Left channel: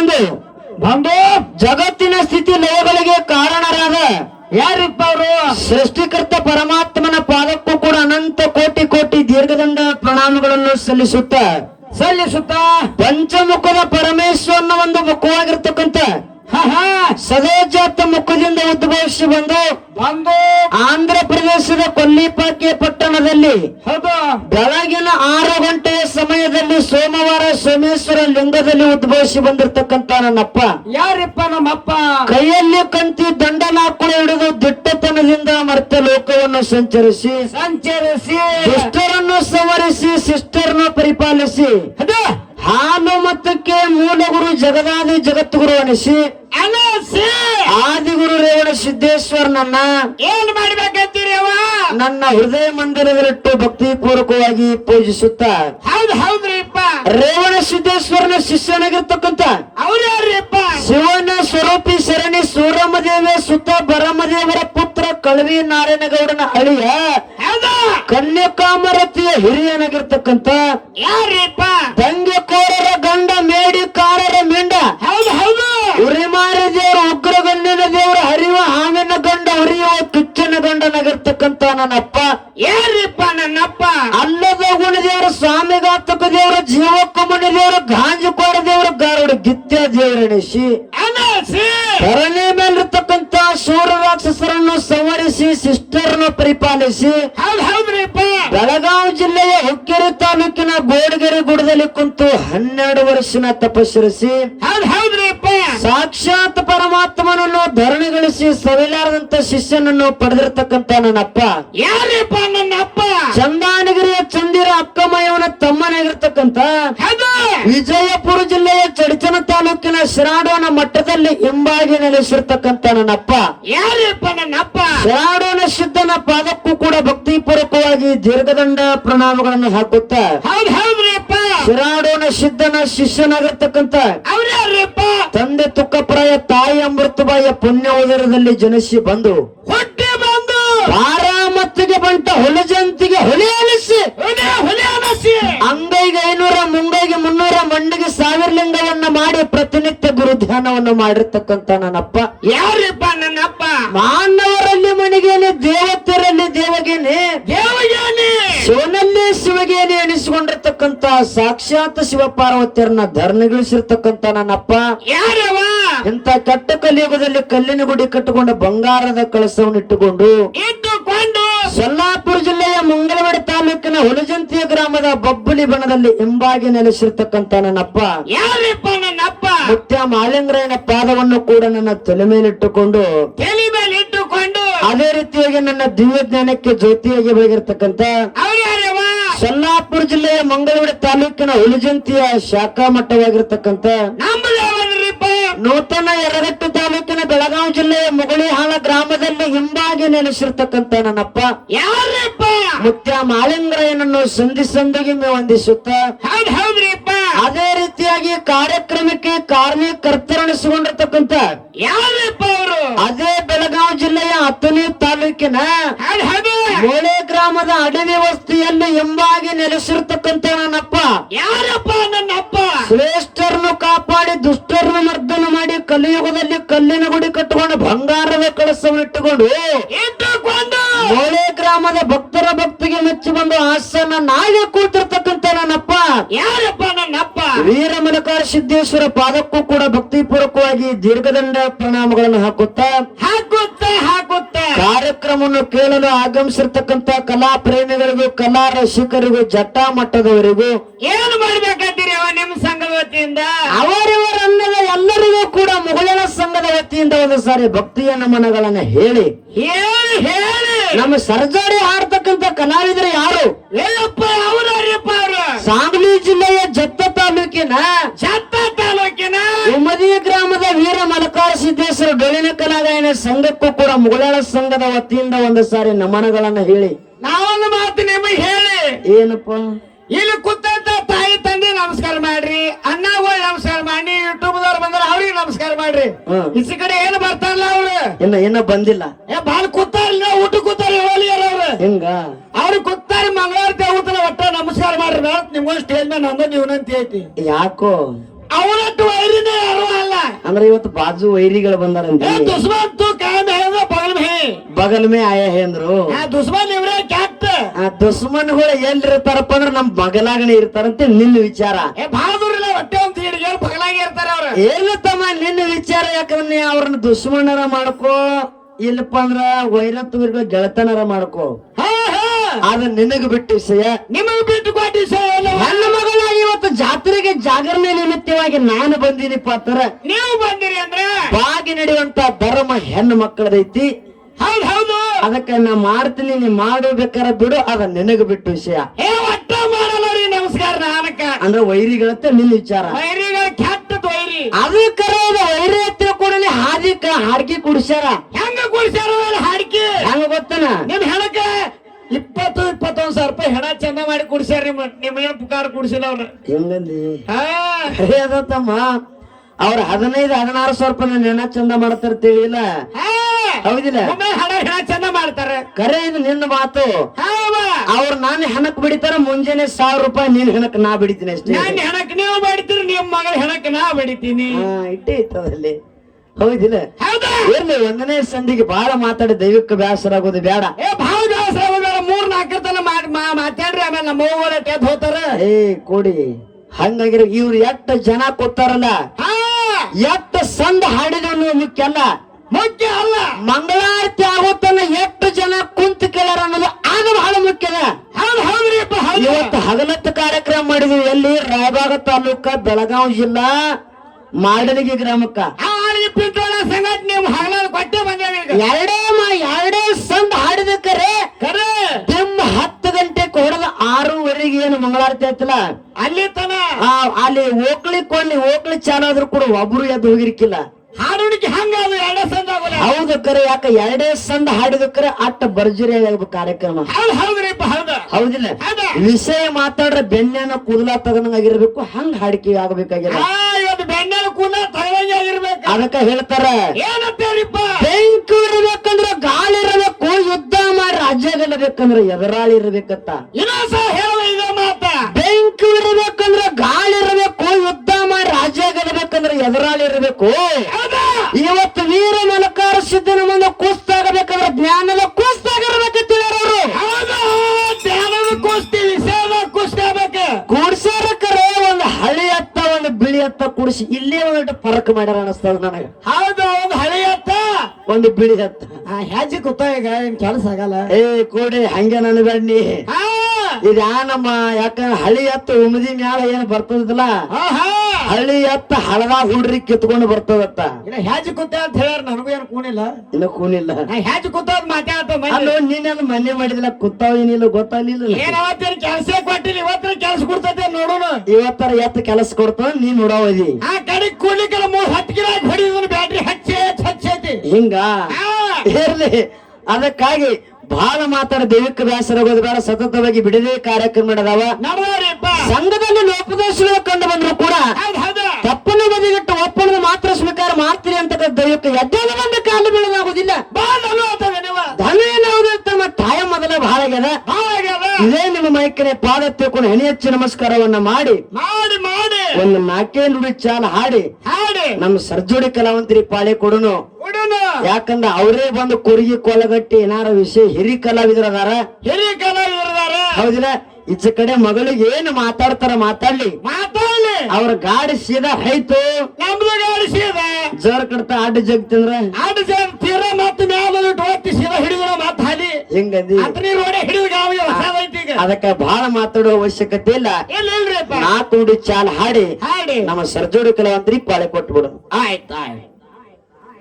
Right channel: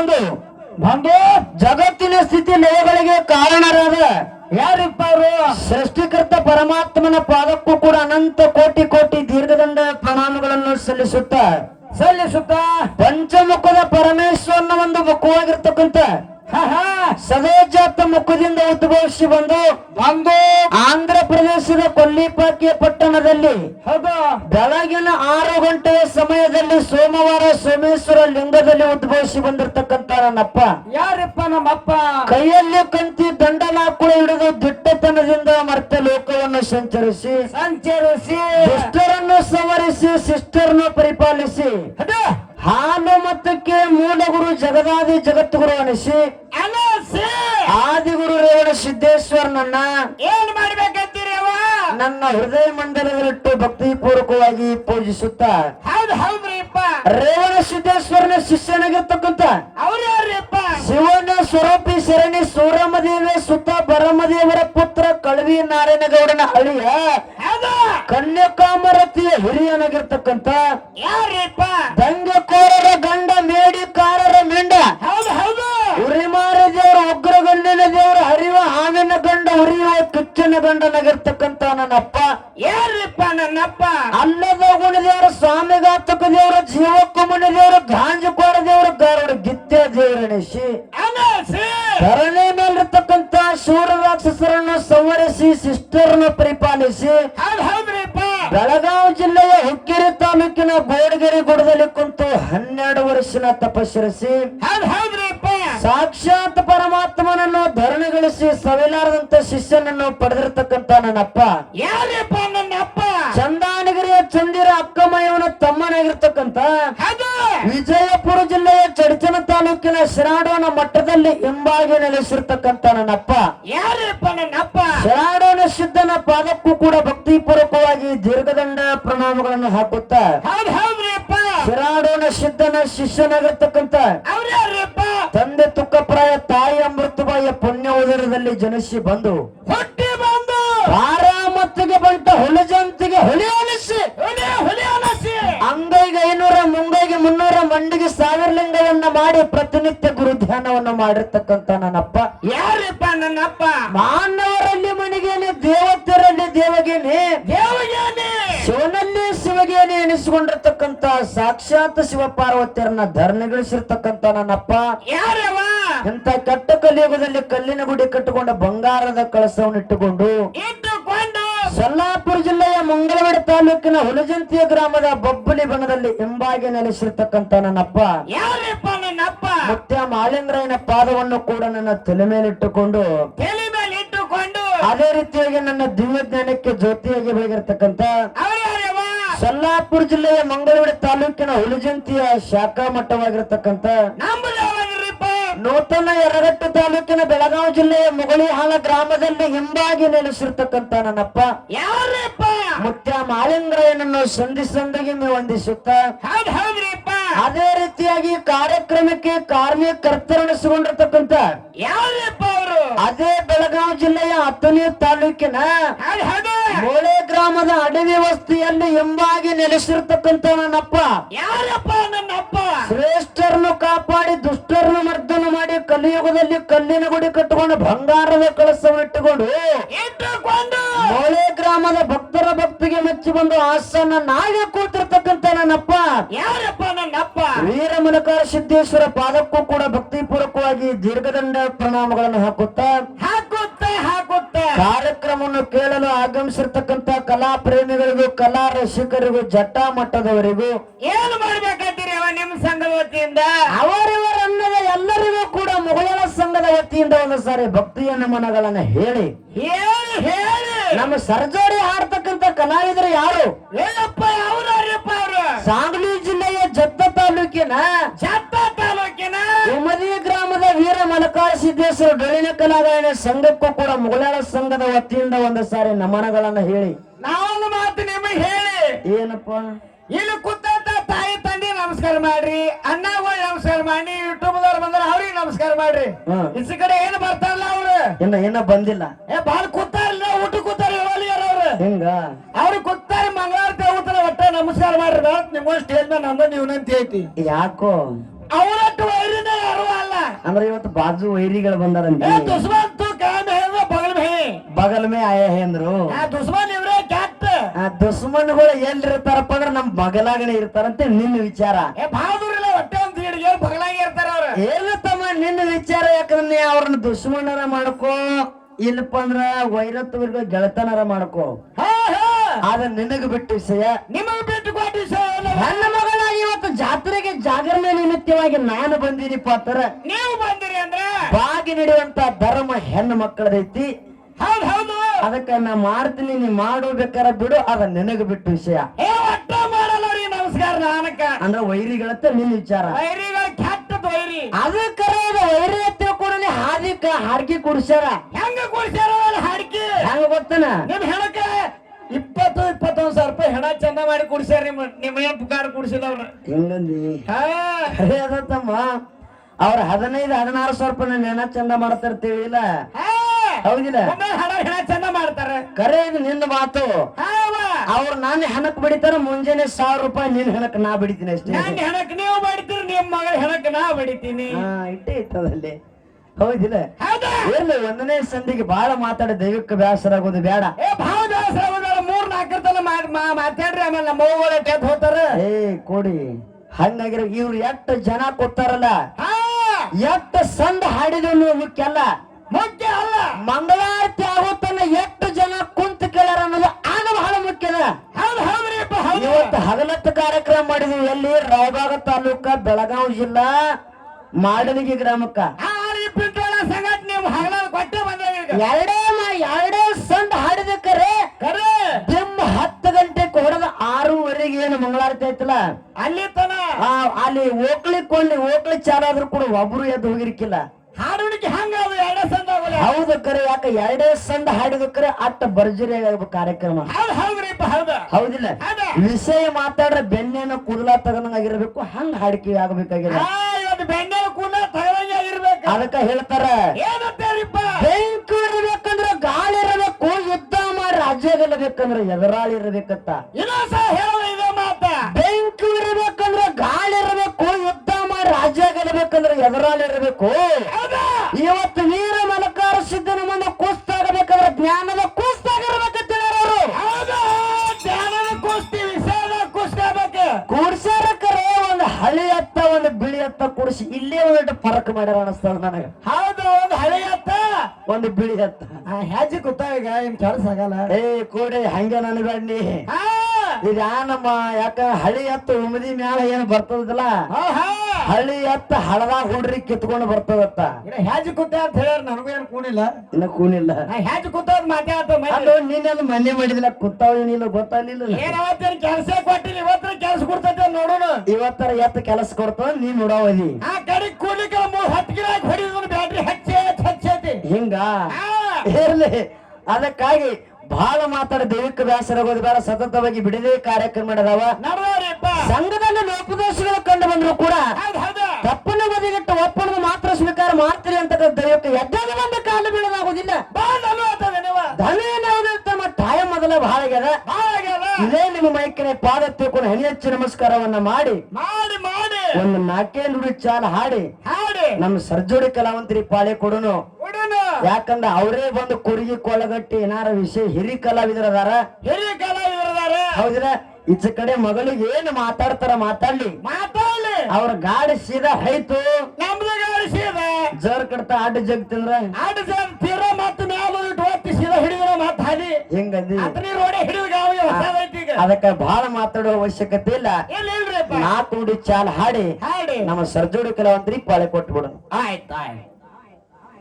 ಬಂದು ಬಂದು ಜಗತ್ತಿನ ಸ್ಥಿತಿ ಲಯಗಳಿಗೆ ಕಾರಣರಾದ ಯಾರಿಪ್ಪ ಅವರು ಸೃಷ್ಟಿಕರ್ತ ಪರಮಾತ್ಮನ ಪಾದಕ್ಕೂ ಕೂಡ ಅನಂತ ಕೋಟಿ ಕೋಟಿ ದೀರ್ಘದಂಡ ಪ್ರಣಾಮಗಳನ್ನು ಸಲ್ಲಿಸುತ್ತ ಸಲ್ಲಿಸುತ್ತ ಪಂಚಮುಖದ ಪರಮೇಶ್ವರನ ಒಂದು ಮುಖವಾಗಿರ್ತಕ್ಕಂಥ ಹ ಸದೋಜಾತ ಮುಖದಿಂದ ಉದ್ಭವಿಸಿ ಬಂದು ಬಂದು ಆಂಧ್ರ ಪ್ರದೇಶದ ಕೊಲ್ಲಿಪಾಕಿಯ ಪಟ್ಟಣದಲ್ಲಿ ಹೌದು. ಬಂದಿರತಕ್ಕಂತ ನನ್ನಪ್ಪ. ಯಾರಿಪ್ಪ ನಮ್ಮಪ್ಪ? ಕೈಯಲ್ಲಿ ಕಂತಿ ದಂಡನಾಕುಳ ಹಿಡಿದು ದಿಟ್ಟತನದಿಂದ ಮರ್ತ ಲೋಕವನ್ನು ಸಂಚರಿಸಿ ಸಂಚರಿಸಿ. ದುಷ್ಟರನ್ನು ಸಂವರಿಸಿ ಸಿಸ್ಟರ್ನ ಪರಿಪಾಲಿಸಿ ಹಾನು ಹಾಲು ಮತ್ತಕ್ಕೆ ಮೂಲಗುರು ಜಗದಾದಿ ಜಗದ್ಗುರು ಅನಿಸಿ ಅನಸಿ. ಆದಿಗುರು ರೇವಣ ಸಿದ್ದೇಶ್ವರನನ್ನ ಏನ್ ಮಾಡ್ಬೇಕಂತೀರಿ ಅವ ನನ್ನ ಹೃದಯ ಮಂದಿರದಲ್ಲಿಟ್ಟು ಭಕ್ತಿ ಪೂರ್ವಕವಾಗಿ ಪೂಜಿಸುತ್ತ ಹೌದ್ ಹೌದ್ರಿಪ್ಪ. ರೇವಣ ಸಿದ್ದೇಶ್ವರನ ಶಿಷ್ಯನಾಗಿರ್ತಕ್ಕಂಥ ಕಳವಿ ನಾರಾಯಣಗೌಡನ ಹೌದು. ಕನ್ಯಕಾಮರತಿಯ ಹಿರಿಯನಾಗಿರ್ತಕ್ಕಂಥ ಯಾರಿಪ್ಪ? ದಂಗೆಕೋರರ ಗಂಡ ಮೇಡಿ ಕಾರರ ಮಿಂಡ ಉರಿಮಾರ ದೇವರ ಉಗ್ರಗಣ್ಣಿನ ದೇವರ ಹರಿವ ಹಾವಿನ ಗಂಡ ಉರಿಯುವ ತುಚ್ಚನ ಗಂಡನಾಗಿರ್ತಕ್ಕಂತ ನನ್ನಪ್ಪ. ಯಾರಿಪ್ಪ ನನ್ನಪ್ಪ? ಅಲ್ಲದ ಗುಣ ದೇವರ ಸ್ವಾಮಿಗಾತಕ ದೇವರ ಜೀವಕ್ಕುಮಣಿ ದೇವರ ಗಾಂಜುಕೋರ ದೇವರ ಗಾರುಡ ಗಿತ್ಯ ದೇವರೆಣಿಸಿ ವರ್ಷನ ತಪಸ್ಸರಿಸಿ ಹೌದ್ ಸಾಕ್ಷಾತ್ ಪರಮಾತ್ಮನನ್ನು ಧರಣಿಗಳಿಸಿ ಸವಿಲಾರದಂತ ಶಿಷ್ಯನನ್ನು ಪಡೆದಿರ್ತಕ್ಕಂತ ನನ್ನಪ್ಪ. ಯಾರಿಪ್ಪ ನನ್ನಪ್ಪ? ಚಂದಾನಗಿರಿಯ ಚಂದಿರ ಅಕ್ಕಮಯ್ಯವನ ತಮ್ಮನಾಗಿರ್ತಕ್ಕಂತ ಹೌದು. ವಿಜಯಪುರ ಜಿಲ್ಲೆಯ ಚಡಚನ ತಾಲೂಕಿನ ಶಿರಾಡೋನ ಮಟ್ಟದಲ್ಲಿ ಹಿಂಬಾಗಿ ನೆಲೆಸಿರ್ತಕ್ಕಂತ ನನ್ನಪ್ಪ. ಯಾರಿಪ್ಪ ನನ್ನಪ್ಪ? ಶಿರಾಡೋನ ಸಿದ್ಧನ ಪಾದಕ್ಕೂ ಕೂಡ ಭಕ್ತಿಪೂರ್ವಕವಾಗಿ ದೀರ್ಘದಂಡ ಪ್ರಣಾಮಗಳನ್ನು ಹಾಕುತ್ತಾ ಹೌದು ಹೌದ್ರಿಪ್ಪ ಶಿರಾಡೋನ ಸಿದ್ಧನ ಶಿಷ್ಯನಾಗಿರ್ತಕ್ಕಂತ ತಂದೆ ತುಕ್ಕಪ್ರಾಯ ತಾಯಿ ಅಮೃತಬಾಯಿಯ ಪುಣ್ಯ ಉದರದಲ್ಲಿ ಜನಿಸಿ ಬಂದು ಹುಟ್ಟಿ ಬಂದು ಪಾರಾಮತ್ತಿಗೆ ಬಂಟ ಹುಲಿಜಂತಿಗೆ ಹೊಲಿ ಅನಿಸಿ. ಹುಲಿ ಹುಲಿ ಅನಸಿ. ಅಂಗೈಗೆ ಐನೂರ ಮುಂಗೈಗೆ ಮುನ್ನೂರ ಮಂಡಿಗೆ ಸಾವಿರ ಲಿಂಗವನ್ನ ಮಾಡಿ ಪ್ರತಿನಿತ್ಯ ಗುರು ಧ್ಯಾನವನ್ನು ಮಾಡಿರ್ತಕ್ಕಂತ ನನ್ನಪ್ಪ. ಯಾರಪ್ಪ ನನ್ನಪ್ಪ? ಮಾನವರಲ್ಲಿ ಮಣಿಗೇನೆ ದೇವತೆರಲ್ಲಿ ದೇವಗೇನೆ. ದೇವಯಾನಿ ಸಾಕ್ಷಾತ್ ಶಿವಪಾರ್ವತಿಯರನ್ನ ಧರ್ಮಗಳಿಸಿರ್ತಕ್ಕಂಥ ನನ್ನಪ್ಪ. ಯಾರವ? ಇಂತ ಕೆಟ್ಟ ಕಲಿಯುಗದಲ್ಲಿ ಕಲ್ಲಿನ ಗುಡಿ ಕಟ್ಟಿಕೊಂಡು ಬಂಗಾರದ ಕಳಸವನ್ನು ಇಟ್ಟುಕೊಂಡು ಇಟ್ಟುಕೊಂಡು ಸೊಲ್ಲಾಪುರ ಜಿಲ್ಲೆಯ ಮಂಗಳವಾಡಿ ತಾಲೂಕಿನ ಹುಲಜಂತಿಯ ಗ್ರಾಮದ ಬಬ್ಬಲಿ ಬಣದಲ್ಲಿ ಹಿಂಬಾಗಿ ನೆಲೆಸಿರ್ತಕ್ಕಂಥ ನನ್ನಪ್ಪ. ಯಾರಿಪ್ಪ ನನ್ನಪ್ಪ? ಮುತ್ಯ ಮಾಲಿಂಗರಾಯನ ಪಾದವನ್ನು ಕೂಡ ನನ್ನ ತಲೆ ಮೇಲಿಟ್ಟುಕೊಂಡು ತಲೆ ಮೇಲೆ ಇಟ್ಟುಕೊಂಡು ಅದೇ ರೀತಿಯಾಗಿ ನನ್ನ ದಿವ್ಯ ಜ್ಞಾನಕ್ಕೆ ಜ್ಯೋತಿಯಾಗಿ ಬೆಳಗಿರ್ತಕ್ಕಂಥ ಸೊಲ್ಲಾಪುರ ಜಿಲ್ಲೆಯ ಮಂಗಳವಾಡಿ ತಾಲೂಕಿನ ಹುಲಜಂತಿಯ ಶಾಖಾ ಮಟ್ಟವಾಗಿರ್ತಕ್ಕಂಥ ನಮ್ಮದವನ್ರಿಪ್ಪ ನೂತನ ಯರಗಟ್ಟು ತಾಲೂಕಿನ ಬೆಳಗಾವಿ ಜಿಲ್ಲೆಯ ಮುಗಳಿಹಾಳ ಗ್ರಾಮದಲ್ಲಿ ಹಿಂಬಾಗಿ ನೆಲೆಸಿರ್ತಕ್ಕಂತ ನನ್ನಪ್ಪ. ಯಾರಪ್ಪ? ಮುತ್ಯ ಮಾಲಿಂಗರಾಯನನ್ನು ಸಂಧಿ ಸಂದಿಗೆ ವಂದಿಸುತ್ತ ಅದೇ ರೀತಿಯಾಗಿ ಕಾರ್ಯಕ್ರಮಕ್ಕೆ ಕಾರ್ಯಕರ್ತರಣಿಸಿಕೊಂಡಿರ್ತಕ್ಕಂಥ ಯಾರಿಪ್ಪ ಅವರು ಅದೇ ಬೆಳಗಾವಿ ಜಿಲ್ಲೆಯ ಹತ್ತನೇ ತಾಲೂಕಿನ ಹೌದ್ ಹೌದು ಮೋಳೆ ಗ್ರಾಮದ ಅಡವಿ ವಸ್ತಿಯಲ್ಲಿ ಎಂಬಾಗಿ ನೆಲೆಸಿರ್ತಕ್ಕಂಥ ನನ್ನಪ್ಪ ಯಾರಪ್ಪ ನನ್ನಪ್ಪ ಶ್ರೇಷ್ಠರನ್ನು ಕಾಪಾಡಿ ದುಷ್ಟರನ್ನು ಮರ್ದನ ಮಾಡಿ ಕಲಿಯುಗದಲ್ಲಿ ಕಲ್ಲಿನ ಗುಡಿ ಕಟ್ಟಿಕೊಂಡು ಬಂಗಾರದ ಕಳಸ ಇಟ್ಟುಕೊಂಡು ಮೊಳೆ ಗ್ರಾಮದ ಭಕ್ತರ ಭಕ್ತಿಗೆ ಮೆಚ್ಚಿ ಬಂದು ಹಾಸನ ನಾಗೆ ಕೂತಿರ್ತಕ್ಕಂತ ನನ್ನಪ್ಪ. ಯಾರಪ್ಪ ನನ್ನಪ್ಪ? ವೀರ ಮಲಕಾರ ಸಿದ್ದೇಶ್ವರ ಪಾದಕ್ಕೂ ಕೂಡ ಭಕ್ತಿಪೂರ್ವಕವಾಗಿ ದೀರ್ಘದಂಡ ಪ್ರಣಾಮಗಳನ್ನು ಹಾಕುತ್ತಾ ಹಾಕುತ್ತ ಹಾಕುತ್ತ. ಕಾರ್ಯಕ್ರಮವನ್ನು ಕೇಳಲು ಆಗಮಿಸಿರ್ತಕ್ಕಂತ ಕಲಾ ಪ್ರೇಮಿಗಳಿಗೂ ಕಲಾ ರಸಿಕರಿಗೂ ಜಟ್ಟ ಮಟ್ಟದವರಿಗೂ ಏನು ಮಾಡ್ಬೇಕಂತೀರಿ ಅವ ನಿಮ್ ಸಂಘದ ವತಿಯಿಂದ? ಅವರಿವರಲ್ಲದ ವತಿಯಿಂದ ಒಂದು ಸಾರಿ ಭಕ್ತಿಯ ನಮನಗಳನ್ನ ಹೇಳಿ. ಹೇಳಿ ಹೇಳಿ. ನಮ್ಮ ಸರ್ಜೋರಿ ಹಾಡತಕ್ಕಂತ ಕಲಾವಿದರು ಯಾರು? ಏನಪ್ಪ ಅವರಪ್ಪ ಅವರು. ಸಾಂಗ್ಲಿ ಜಿಲ್ಲೆಯ ಜತ್ತ ತಾಲೂಕಿನ ಜತ್ತ ತಾಲೂಕಿನ ಉಮದಿ ಗ್ರಾಮದ ವೀರ ಮಲಕಾರ ಸಿದ್ದೇಶ್ವರ ಡೊಳ್ಳಿನ ಕಲಾಗಾಯನ ಸಂಘಕ್ಕೂ ಕೂಡ ಮುಗಳಳ ಸಂಘದ ವತಿಯಿಂದ ಒಂದು ಸಾರಿ ನಮನಗಳನ್ನ ಹೇಳಿ. ನಾವೊಂದು ಮಾತು ನಿಮಗೆ ಹೇಳಿ. ಏನಪ್ಪ? ಇಲ್ಲಿ ಕೂತಂತ ತಾಯಿ ತಂದೆ ನಮಸ್ಕಾರ ಮಾಡ್ರಿ. ಅಣ್ಣಗಳು ನಮಸ್ಕಾರ ಮಾಡ್ರಿ. ಇಸಿ ಕಡೆ ಏನ್ ಬರ್ತಾರಲ್ಲ ಅವ್ರು? ಇನ್ನ ಏನ ಬಂದಿಲ್ಲ. ಏ ಬಾಳ ಕೂತಾರಲ್ಲ ಊಟ ಕೂತಾರ ಹೇಳಲಿಯರ್ ಅವ್ರು. ಹಿಂಗ. ಅವ್ರು ಕೂತಾರ ಮಂಗಳಾರ ದೇವತನ ಒಟ್ಟ ನಮಸ್ಕಾರ ಮಾಡ್ರಿ. ನಾನ್ ನಿಮ್ಮ ಸ್ಟೇಜ್ನ ನಂದನ್ ಐತಿ ಯಾಕೋ? ಅವರಟ್ಟು ವೈರಿನ ಯಾರು ಅಲ್ಲ. ಅಂದ್ರೆ ಇವತ್ತು ಬಾಜು ವೈರಿಗಳು ಬಂದಾರಂತ. ದುಶ್ಮನ್ ತು ಕಾಂದ ಹೇಳ ಬಗಲ್ ಮೇ ಬಗಲ್ ಮೇ ಆಯ ಹೇಂದ್ರು ದುಶ್ಮನ್ ಇವರೇ ಕ್ಯಾಕ್ಟ್ ಆ ದುಶ್ಮನ್ಗಳು ಎಲ್ಲಿರ್ತಾರಪ್ಪ ಅಂದ್ರೆ ನಮ್ಮ ಬಗಲಾಗನೇ ಇರ್ತಾರಂತೆ ನಿನ್ನ ವಿಚಾರ. ಏ ಬಹಳ ಇಲ್ಲ ಹೊಟ್ಟೆ ಅಂತ ಬಗಲಾಗಿ ಇರ್ತಾರೆ ಅವ್ರು. ಏನು ದುಶ್ಮನರ ಮಾಡ್ಕೋ ಇಲ್ಲಪ್ಪ ಅಂದ್ರ ವೈರತ್ವರ್ಗ ಗೆಳತನರ ಮಾಡ್ಕೋ. ಆದ್ರೆ ನಿನಗ ಬಿಟ್ಟು ವಿಷಯ ನಿಮಗೆ ಬಿಟ್ಟು ಕೊಟ್ಟಿ ನನ್ನ ಮಗಳ ಇವತ್ತು ಜಾತ್ರೆಗೆ ಜಾಗರಣೆ ನಿಮಿತ್ತವಾಗಿ ನಾನು ಬಂದೀನಿ ಪಾತ್ರ ನೀವು ಬಂದಿರಿ ಅಂದ್ರೆ? ಬಾಗಿ ನಡೆಯುವಂತ ಧರ್ಮ ಹೆಣ್ಣು ಮಕ್ಕಳದೈತಿ. ಹೌದು ಹೌದು. ಅದಕ್ಕ ನಾ ಮಾಡ್ತೀನಿ ನೀ ಮಾಡಬೇಕಾರ ಬಿಡು ಅದ ನಿನಗ ಬಿಟ್ಟು ವಿಷಯ. ಏ ಒಟ್ಟ ಮಾಡಲ್ಲ ರೀ ನಮಸ್ಕಾರ ಅಂದ್ರೆ ವೈರಿಗಳತ್ತ ನಿನ್ ವಿಚಾರ ವೈರಿಗಳ ಕೆಟ್ಟದ ವೈರಿ ಅದು ಕರೆಯದ ವೈರಿ ತಿಳ್ಕೊಂಡನೆ ಹಾದಿಕ ಹಾಡ್ಕಿ ಕುಡ್ಸ್ಯಾರ ಹೆಂಗ ಕುಡ್ಸ್ಯಾರ ಹಾಡ್ಕಿ? ಹೆಂಗ ಗೊತ್ತನ? ನಿಮ್ ಹೆಣಕ ಇಪ್ಪತ್ತು ಇಪ್ಪತ್ತೊಂದ್ ಸಾವಿರ ರೂಪಾಯಿ ಹೆಣ ಚಂದ ಮಾಡಿ ಕುಡಿಸ್ಯಾರ ನಿಮ್ ನಿಮ್ ಏನ್ ಪುಕಾರ ಕುಡಿಸಿಲ್ಲ ಅವ್ರು. ಹೆಂಗಂದಿ ಅದ ತಮ್ಮ ಅವ್ರ ಹದಿನೈದು ಹದಿನಾರು ಸಾವಿರ ರೂಪಾಯಿ ನಾನು ಹೆಣ ಚಂದ ಮಾಡ್ತಾರ ತಿಳಿಲ್ಲ ಹೌದಿಲ್ಲ? ಹಣ ಹೆಣ ಚಂದ ಮಾಡ್ತಾರ. ಕರೆ ಇದು ನಿನ್ನ ಮಾತು. ಅವ್ರ ನಾನು ಹೆಣಕ್ ಬಿಡಿತಾರ ಮುಂಜಾನೆ ಸಾವಿರ ರೂಪಾಯಿ ನೀನ್ ಹೆಣಕ್ ನಾ ಬಿಡಿತೀನಿ ಅಷ್ಟೇ. ಹೆಣಕ್ ನೀವು ಬಡಿತೀರಿ ನಿಮ್ ಮಗಳ ಹೆಣಕ್ ನಾ ಬಡಿತೀನಿ. ಇಟ್ಟೇ ಇತ್ತದಲ್ಲಿ. ಹೌದಿಲ್ಲ? ಹೌದಾ. ಇರ್ಲಿ ಒಂದನೇ ಸಂಧಿಗೆ ಬಹಳ ಮಾತಾಡಿ ದೈವಕ್ಕೆ ಬೇಸರ ಆಗೋದು ಬೇಡ. ಏ ದಾಸರ ಮೂರ್ ನಾಲ್ಕರ ತನ ಮಾತಾಡ್ರಿ ಆಮೇಲೆ ನಮ್ಮ ಟೆತ್ ಹೋತಾರ. ಏ ಕೊಡಿ. ಹಂಗಾಗಿರ ಇವ್ರು ಎಷ್ಟು ಜನ ಕೊತ್ತಾರಲ್ಲ ಎಷ್ಟು ಸಂದ ಹಾಡಿದವನು ಮುಖ್ಯ ಅಲ್ಲ ಮುಖ್ಯ ಅಲ್ಲ. ಮಂಗಳಾರತಿ ಆಗುತ್ತನ್ನ ಎಷ್ಟು ಜನ ಕುಂತ ಕೇಳಾರ ಅನ್ನೋದು ಆಗ ಬಹಳ ಮುಖ್ಯದ ಹೌದು ಹೌದ್ರಿ ಇವತ್ತು ಹಗಲತ್ತು ಕಾರ್ಯಕ್ರಮ ಮಾಡಿದ್ವಿ. ಎಲ್ಲಿ? ರಾಯಬಾಗ ತಾಲೂಕ ಬೆಳಗಾವಿ ಜಿಲ್ಲಾ ಮಾಡಲಿಗೆ ಗ್ರಾಮಕ್ಕ. ಆ ಸಂಗತ್ ನೀವು ಹಗಲ ಕೊಟ್ಟೆ ಬಂದೇವಿ ಈಗ. ಎರಡೇ ಎರಡೇ ಸಂದ ಹಾಡಿದಕ್ಕರೆ ಕರೆ. ದಿಮ್ಮ ಹತ್ತು ಗಂಟೆ ಹೊಡೆದ ಆರೂವರೆಗೆ ಏನು ಮಂಗಳಾರತಿ ಆಯ್ತಲ್ಲ ಅಲ್ಲಿ ತನ. ಅಲ್ಲಿ ಓಕ್ಳಿ ಕೊಳ್ಳಿ ಓಕ್ಳಿ ಚಾನಾದ್ರು ಕೂಡ ಒಬ್ರು ಎದ್ದು ಹೋಗಿರ್ಕಿಲ್ಲ. ಹಾಡುಡಿಕೆ ಹಂಗ ಅದು ಎರಡ ಸಂದ ಹೌದು ಕರೆ ಯಾಕ ಎರಡೇ ಸಂದ ಹಾಡಿದಕ್ಕರೆ ಅಟ್ಟ ಭರ್ಜರಿ ಆಗ್ಬೇಕು ಕಾರ್ಯಕ್ರಮ. ಹೌದು ಹೌದ್ರಿ ಹೌದ. ಹೌದಿಲ್ಲ? ಹೌದಾ? ವಿಷಯ ಮಾತಾಡ್ರೆ ಬೆನ್ನೇನ ಕೂದಲ ಆಗಿರಬೇಕು ಹಂಗ ಹಾಡಿಕೆ ಆಗ್ಬೇಕಾಗಿಲ್ಲ. ಇವತ್ತು ಬೆಣ್ಣೆ ಕೂದ ತಗದಂಗೆ ಆಗಿರ್ಬೇಕು ಅದಕ್ಕ ಹೇಳ್ತಾರ ಬೆಂಕಿ ಇರಬೇಕಂದ್ರ ಗಾಳಿ ಇರಬೇಕು ಯುದ್ಧ ಮಾಡಿ ರಾಜ್ಯ ಗೆಲ್ಲಬೇಕಂದ್ರ ಎದುರಾಳಿ ಇರಬೇಕತ್ತ. ಏನೋ ಸಲ ಹೇಳುವ ಇದ ಮಾತ. ಬೆಂಕಿ ಇರಬೇಕಂದ್ರ ಗಾಳಿ ಇರಬೇಕು ಯುದ್ಧ ಮಾಡಿ ರಾಜ್ಯ ಗೆಲ್ಲಬೇಕಂದ್ರ ಎದುರಾಳಿ ಇರಬೇಕು. ಇವತ್ತು ವೀರ ಬಿಳಿ ಅಂತ. ಕೂತ ಈಗ ಏನ್ ಕೆಲಸ ಆಗಲ್ಲ? ಏ ಕೂಡಿ ಹಂಗೆ ನನ್ನ ನೀ ಹಾ. ಇದು ನಮ್ಮ ಯಾಕ ಹಳಿ ಎತ್ತ ಉಮದಿ ಮ್ಯಾಲ ಏನ್ ಬರ್ತದಿಲ್ಲ? ಹಾ ಹಾ. ಹಳಿ ಎತ್ತ ಹಳದಾಗ ಹುಡ್ರಿ ಕಿತ್ಕೊಂಡು ಬರ್ತದತ್ತ. ಇಲ್ಲ ಹೆಜ್ಜೆ ಕೂತ ಅಂತ ಹೇಳ್ಯಾರ ನನಗೂ ಏನು ಕೂನಿಲ್ಲ. ಇಲ್ಲ ಕೂನಿಲ್ಲ. ನಾ ಹೆಜ್ಜೆ ಕೂತ ಅಂತ ಮಾತಾಡ್ತ ನೀನೆಲ್ಲ ಮನೆ ಮಾಡಿದಿಲ್ಲ ಕುತ್ತಾವ ಏನಿಲ್ಲ ಗೊತ್ತಾಗ್ಲಿಲ್ಲ ಏನಾವತ್ತೇನು ಕೆಲಸ ಕೊಟ್ಟಿಲ್ಲ ಇವತ್ತಿನ ಕೆಲಸ ಕೊಡ್ತೈತೆ ನೋಡೋಣ ಇವತ್ತರ ಎತ್ತ ಕೆಲಸ ಕೊಡ್ತಾವ ನೀನ್ ನೋಡವದಿ. ಆ ಕಡೆ ಕೂಲಿಗಳ ಮೂ ಹಿಂಗ? ಇರ್ಲಿ. ಅದಕ್ಕಾಗಿ ಬಹಳ ಮಾತಾಡ ದೇವಿಕ ವ್ಯಾಸರ ಬೇಡ ಸತತವಾಗಿ ಬಿಡದೆ ಕಾರ್ಯಕ್ರಮ ನಡೆದವ. ನಡ್ದವ್ರಿಪ್ಪ ಸಂಘದಲ್ಲಿ ಲೋಪದೋಷಗಳು ಕಂಡು ಬಂದ್ರು ಕೂಡ ತಪ್ಪನ್ನು ಬದಿಗಿಟ್ಟು ಒಪ್ಪಣದ ಮಾತ್ರ ಸ್ವೀಕಾರ ಮಾಡ್ತೀರಿ ಅಂತ ದೈವಕ್ಕೆ ಎದ್ದೇಳು ಬಂದ ಕಾಲು ಬೀಳಲಾಗುದಿಲ್ಲ ಬಾ ನಾನು ಆತವೆ ನೀವು. ಧನ ತಮ್ಮ ತಾಯ ಮೊದಲ ಬಹಳ ಆಗ್ಯದ. ಇದೇ ನಿಮ್ಮ ಮೈಕನೆ ಪಾದ ತಿಳ್ಕೊಂಡು ಹೆಣಿ ಹೆಚ್ಚು ನಮಸ್ಕಾರವನ್ನ ಮಾಡಿ. ಮಾಡಿ ಮಾಡಿ. ಒಂದು ನಾಲ್ಕೇ ನುಡಿ ಚಾಲ ಹಾಡಿ. ಹಾಡಿ. ನಮ್ಮ ಸರ್ಜೋಡಿ ಕಲಾವಂತರಿ ಪಾಳೆ ಕೊಡುನು. ಯಾಕಂದ್ರ ಅವರೇ ಬಂದು ಕೊಡುಗಿ ಕೊಲಗಟ್ಟಿ ಏನಾರ ವಿಷಯ ಹಿರಿ ಕಲಾವಿದ್ರದಾರ? ಹಿರಿಯ ಹೌದ್ರ ಹೌದಿಲ್ಲ? ಈಚ ಕಡೆ ಮಗಳಿಗೆ ಏನು ಮಾತಾಡ್ತಾರ ಮಾತಾಡ್ಲಿ. ಮಾತಾಡ್ಲಿ. ಅವ್ರ ಗಾಡಿ ಸೀದಾ ಹೈತು ನಮ್ದು ಗಾಡಿ ಸೀದಾ. ಜೋರ್ ಕಡ್ತಾ ಅಡ್ಡ ಜಗ್ ತಿಂದ್ರ? ಆಟ ಜಗ್ ತೀರ ಮತ್ತೆ ಮ್ಯಾಲ ಇಟ್ಟು ಸೀದಾ ಹಿಡಿದ್ರ ಮತ್ತೆ ಹಾಲಿ. ಹಿಂಗದಿ? ಅತ್ರಿ ರೋಡೆ ಹಿಡಿದ ಈಗ. ಅದಕ್ಕ ಬಹಳ ಮಾತಾಡೋ ಅವಶ್ಯಕತೆ ಇಲ್ಲ. ನಾಲ್ಕು ನುಡಿ ಚಾಲ್ ಹಾಡಿ. ಹಾಡಿ. ನಮ್ಮ ಸರ್ಜೋಡಿ ಕಲಾವಂತರಿ ಪಾಳೆ ಕೊಟ್ಬಿಡು. ಆಯ್ತು ಆಯ್ತು.